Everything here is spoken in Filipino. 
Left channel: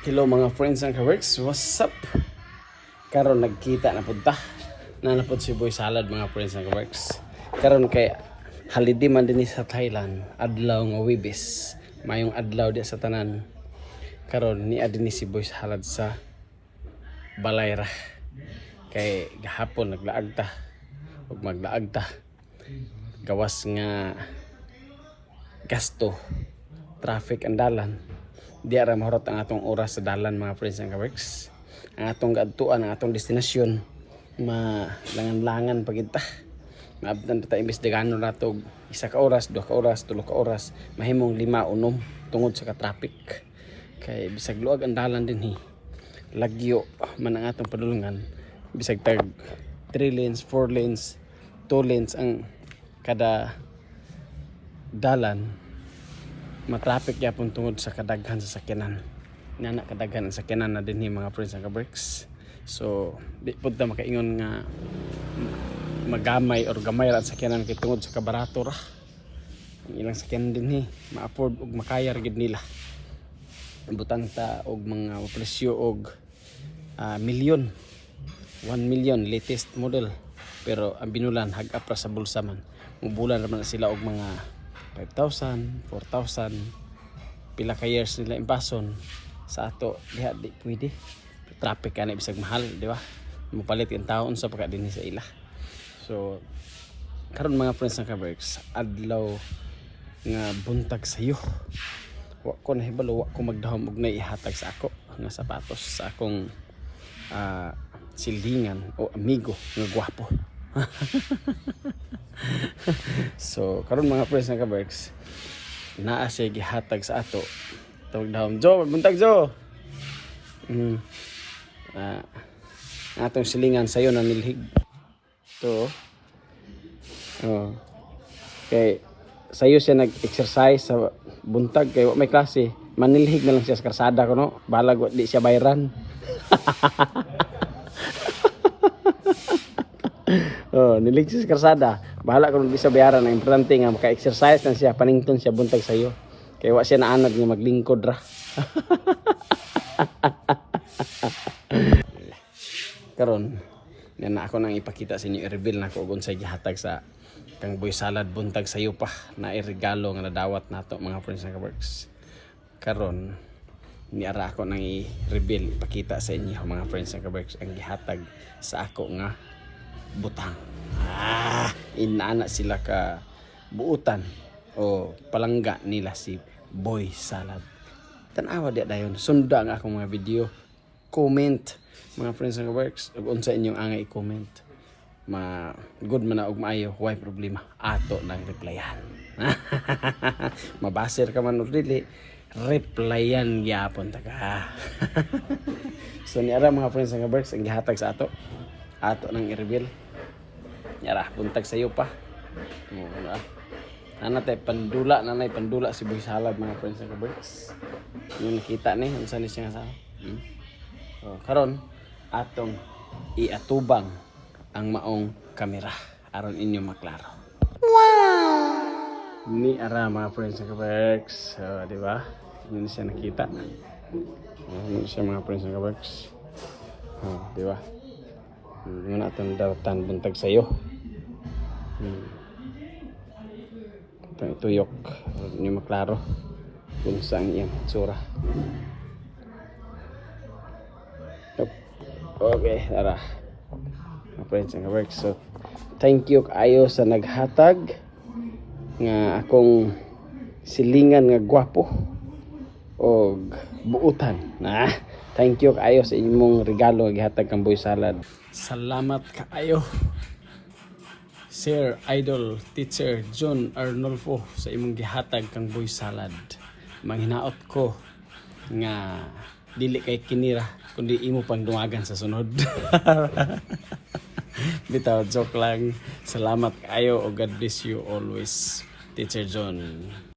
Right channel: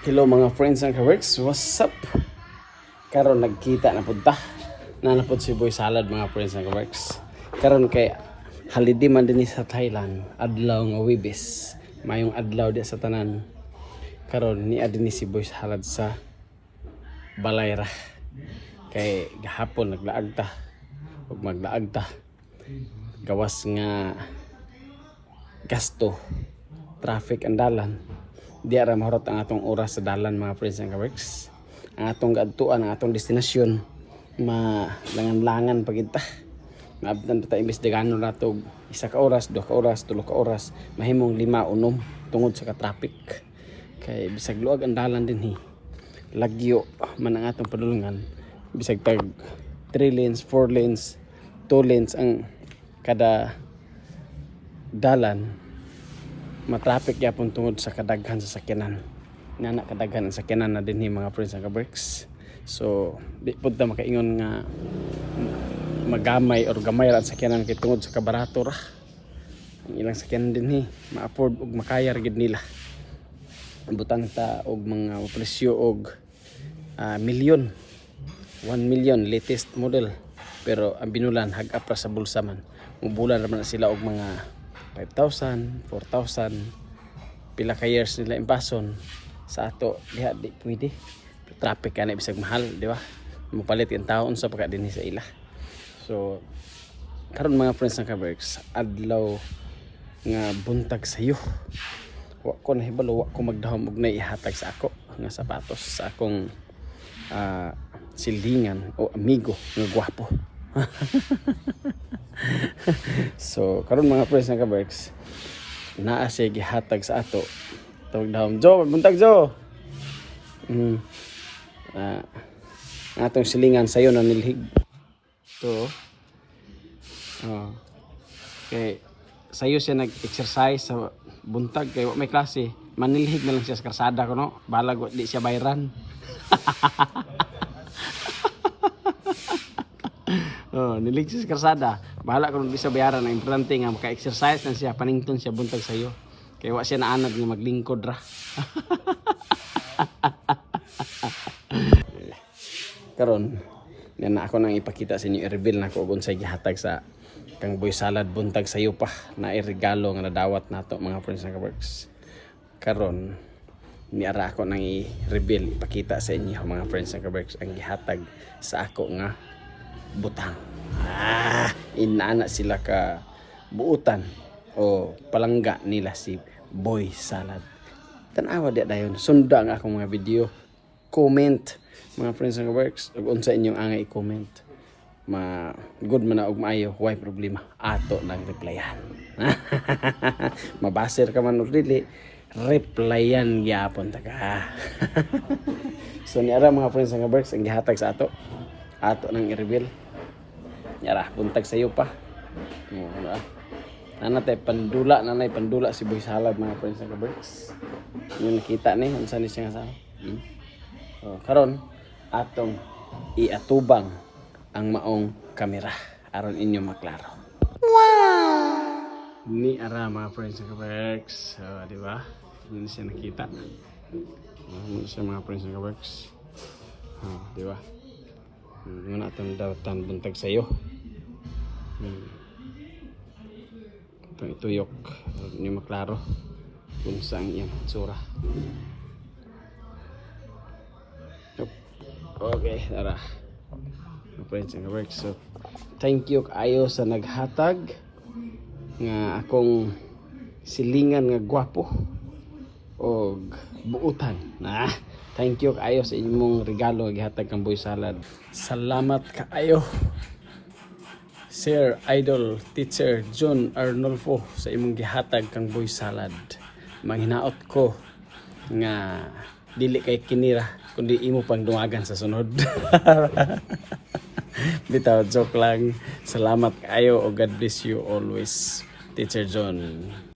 Hello mga friends and ka-works, what's up? Karon nagkita na punta. Nanapod si Boy Salad mga friends and ka-works. Karon kay holiday man din sa Thailand, adlaw nga Webes. Mayong adlaw di sa tanan. Karon ni adini si Boy Salad sa Balayra. Kay gahapon naglaag ta. Ug maglaag ta. Gawas nga gasto, traffic ang dalan. Di ara mahurot ang atong oras sa dalan mga friends and ka-works. Ang atong gaadtuan, ang atong destinasyon malangan-langan pagid ta. Maabtan ta imbes dagano nato 1 ka oras, 2 ka oras, 3 ka oras, mahimong 5 unom tungod sa ka-traffic. Kay bisag luag ang dalan dinhi. Lagyo man ang atong padulungan. Bisag tag 3 lanes, 4 lanes, 2 lanes ang kada dalan. Matraffic yapon tungod sa kadaghan sa sakyanan. Nana kadaghan ang sakyanan na dinhi mga friends and ka-works. So di pud ta makaingon nga magamay or gamay ra ang sakyanan kay tungod sa kabarato ra. Ang ilang sakyanan dinhi ma-afford ug makaya ra gid nila. Ambutan ta og mga presyo og milyon. 1 million latest model. Pero ang binulan hag-up ra sa bulsa man. Mubulan ra man sila og mga 5,000, 4,000 pila ka years nila impason sa ato diha di pwede. Traffic kana bisag mahal, di ba? Mapalit yung taon sa pagka dinhi sa ila. So karon mga friends ng ka-works, adlaw nga buntag sayo. Wa ko nahibalo, wa ko magdahom og naihatag sa ako nga sapatos sa akong silingan o amigo nga gwapo. So karon mga friends ng ka-works, naa siya gihatag sa ato. Tawag daw, Jo, buntag Jo. Ang atong silingan sayo na nilhig. So, kay sayo siya nag-exercise sa buntag kay may klase. Manilhig na lang siya sa karsada ko, no? Balag di siya bayran. Nilig siya sa karsada. Bahala kung di sa bayaran. Ang importante nga maka-exercise na siya, panington siya buntag sayo. Kaya wa siya naanad nga maglingkod ra. Karon, yan na ako nang ipakita sa inyo, i-reveal na ko kung sa gihatag sa kang Boy Salad buntag sayo pa na irregalo nga nadawat nato mga friends ng ka-works. Karon, ni ara ako nang i-reveal, pakita sa inyo mga friends ng ka-works ang gihatag sa ako nga butang. Inaana sila ka buutan o palangga nila si Boy Salad. Tanawa di dayon, sunda ang akong mga video. Comment mga friends ng ka-works, ug unsa inyong angay i-comment. Good man na og maayo, why problema. Ato nang replyan. Mabasir ka man og dili, replyan gyapon ta ka. So ni ara mga friends ng ka-works ang gihatag sa ato nang i-reveal. Yara, buntag sayo pa. Nanay pandula si Boy Salad mga friends ng ka-works. Yung nakita ni, unsa ni siya sa. So karon atong iatubang ang maong kamera aron inyo maklaro. Wow! Ni ara mga friends ng ka-works. So, di ba? Ano siya nakita? Ano siya mga friends ng ka-works? Di ba? Muna itong dawatan buntag sayo. Itong tuyok. Hindi maklaro kung saan iyang tsura. Okay, tara. Mga friends and ka-works. So, thank you kayo sa naghatag nga akong silingan nga gwapo o buutan. Thank you kayo sa imong regalo nga gihatag kang Boy Salad. Salamat kaayo, Sir Idol Teacher John Arnolfo, sa imong gihatag kang Boy Salad. Manghinaot ko nga dili kay kinira kundi imo pang dungagan sa sunod. Bitaw, joke lang. Salamat kaayo o God bless you always, Teacher John.